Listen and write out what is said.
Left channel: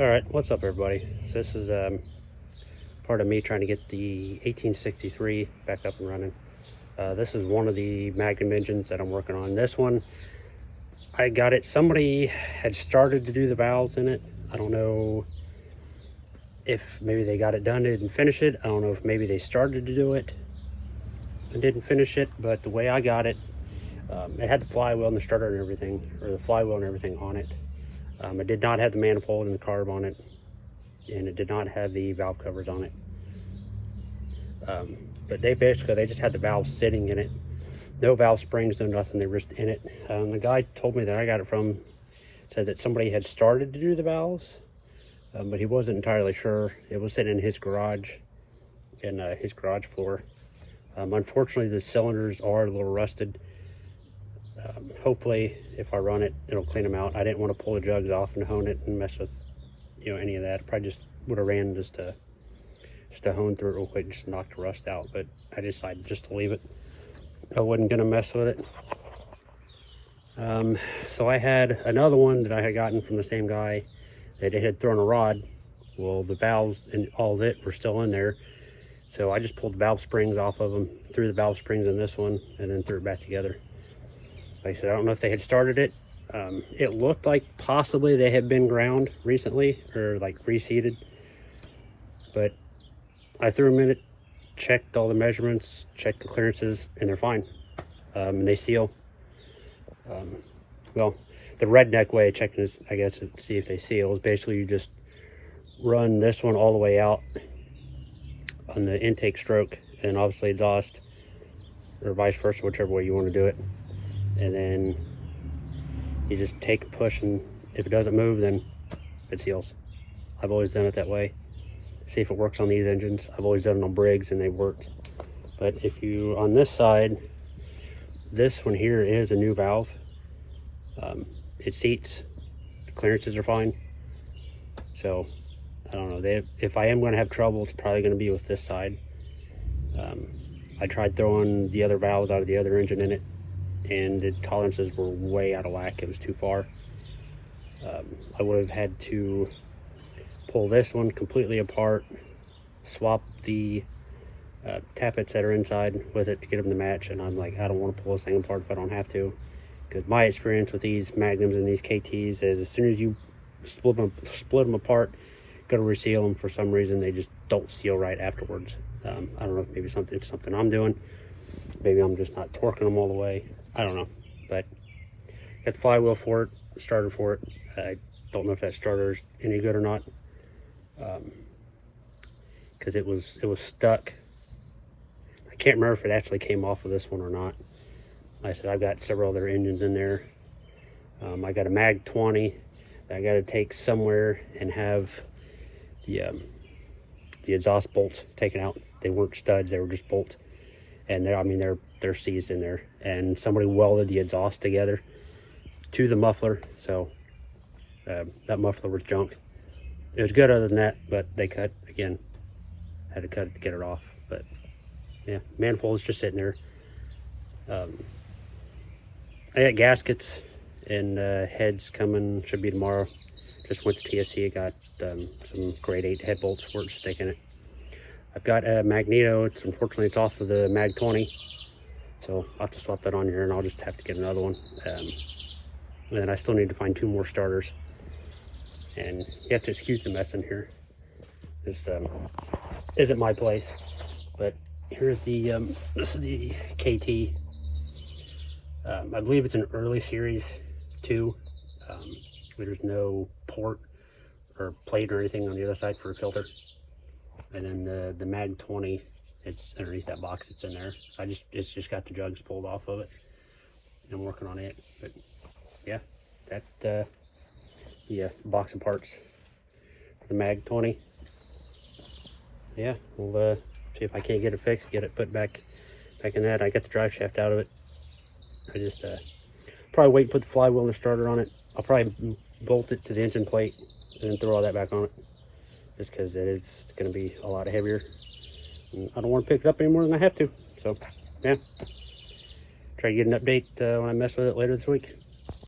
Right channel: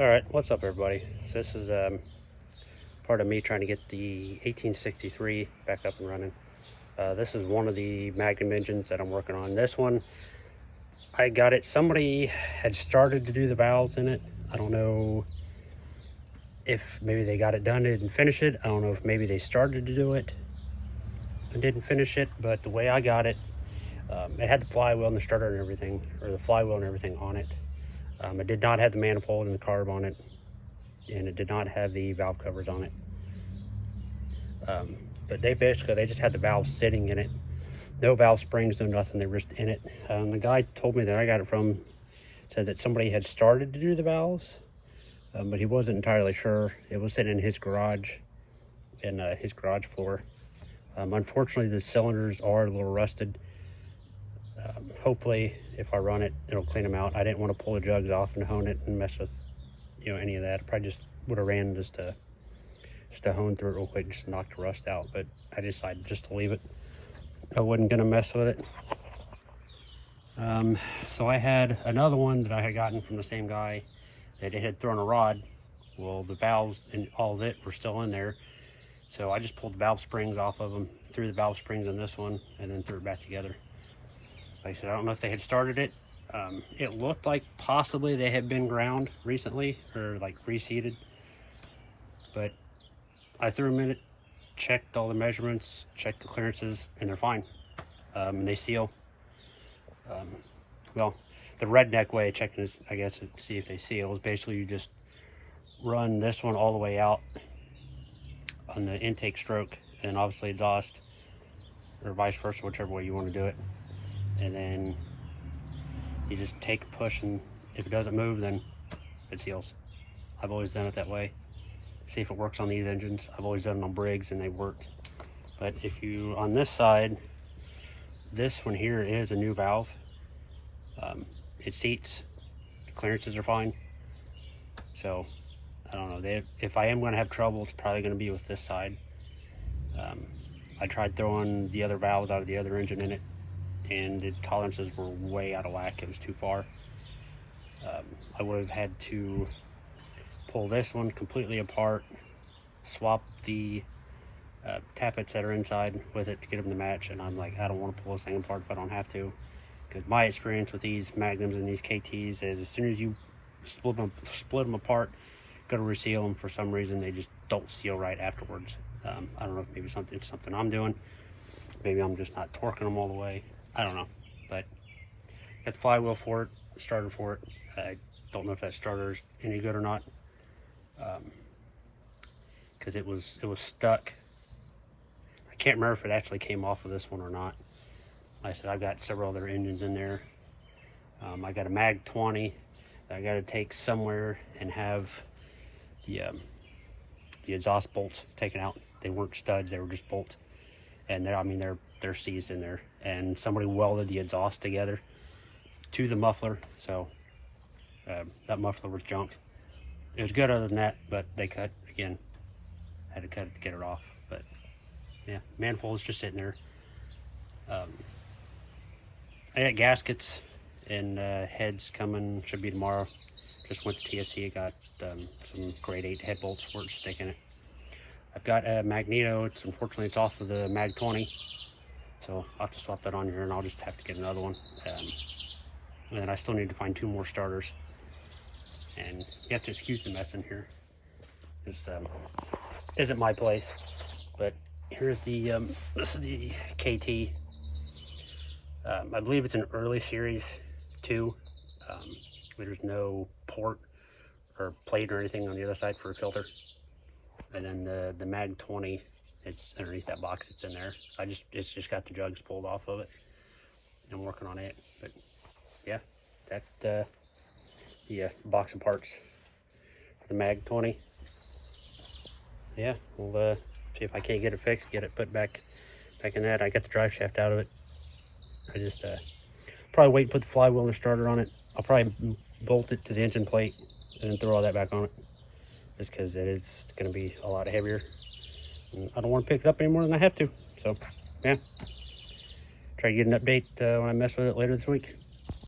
Alright, what's up everybody? So this is part of me trying to get the 1863 back up and running. This is one of the Magnum engines that I'm working on. This one, I got it, somebody had started to do the valves in it. I don't know if maybe they got it done and didn't finish it. I don't know if maybe they started to do it and didn't finish it, but the way I got it, it had the flywheel and the starter and everything, or the flywheel and everything on it. It did not have the manifold and the carb on it, and it did not have the valve covers on it. But they just had the valves sitting in it. No valve springs, no nothing, they were just in it. The guy told me that I got it from, said that somebody had started to do the valves, but he wasn't entirely sure. It was sitting in his garage, in his garage floor. Unfortunately, the cylinders are a little rusted. Hopefully, if I run it, it'll clean them out. I didn't want to pull the jugs off and hone it and mess with, any of that. Probably just would have ran just to hone through it real quick, just to knock the rust out. But I decided just to leave it. I wasn't gonna mess with it. So I had another one that I had gotten from the same guy that it had thrown a rod. Well, the valves and all of it were still in there. So I just pulled the valve springs off of them, threw the valve springs in this one, and then threw it back together. Like I said, I don't know if they had started it. It looked like possibly they had been ground recently, or like reseated. But I threw them in it, checked all the measurements, checked the clearances, and they're fine. And they seal. Well, the redneck way of checking this, I guess, to see if they seal, is basically you just run this one all the way out on the intake stroke, and obviously exhaust, or vice versa, whichever way you want to do it. And then you just take a push, and if it doesn't move, then it seals. I've always done it that way. See if it works on these engines. I've always done it on Briggs and they worked. But if you, on this side, this one here is a new valve. It seats, the clearances are fine. So, I don't know, if I am gonna have trouble, it's probably gonna be with this side. I tried throwing the other valves out of the other engine in it, and the tolerances were way out of whack. It was too far. I would have had to pull this one completely apart, swap the tappets that are inside with it to get them to match, and I'm like, I don't want to pull this thing apart if I don't have to, because my experience with these Magnums and these KTs is as soon as you split them apart, go to reseal them, for some reason they just don't seal right afterwards. I don't know if maybe it's something I'm doing, maybe I'm just not torquing them all the way, I don't know. But got the flywheel for it, starter for it. I don't know if that starter is any good or not, because it was stuck. I can't remember if it actually came off of this one or not. Like I said, I've got several other engines in there. I got a Mag 20 that I got to take somewhere and have the exhaust bolts taken out. They weren't studs, they were just bolts, and they're seized in there. And somebody welded the exhaust together to the muffler, so that muffler was junk. It was good other than that, but they cut, again, had to cut it to get it off. But yeah, manifold is just sitting there. I got gaskets and heads coming, should be tomorrow. Just went to TSC, I got some grade 8 head bolts for it to stick in it. I've got a magneto, unfortunately it's off of the Mag 20, so I'll have to swap that on here, and I'll just have to get another one. And then I still need to find 2 more starters. And you have to excuse the mess in here. This isn't my place, but here's the this is the KT. I believe it's an early series 2. There's no port or plate or anything on the other side for a filter. And then the Mag 20, it's underneath that box that's in there. It's just got the jugs pulled off of it. I'm working on it, but yeah, that the box of parts for the Mag 20. Yeah, we'll see if I can't get it fixed, get it put back in that. I got the drive shaft out of it. I just probably wait and put the flywheel and the starter on it. I'll probably bolt it to the engine plate and then throw all that back on it, just because it's going to be a lot heavier. And I don't want to pick it up any more than I have to. So yeah, try to get an update when I mess with it later this week.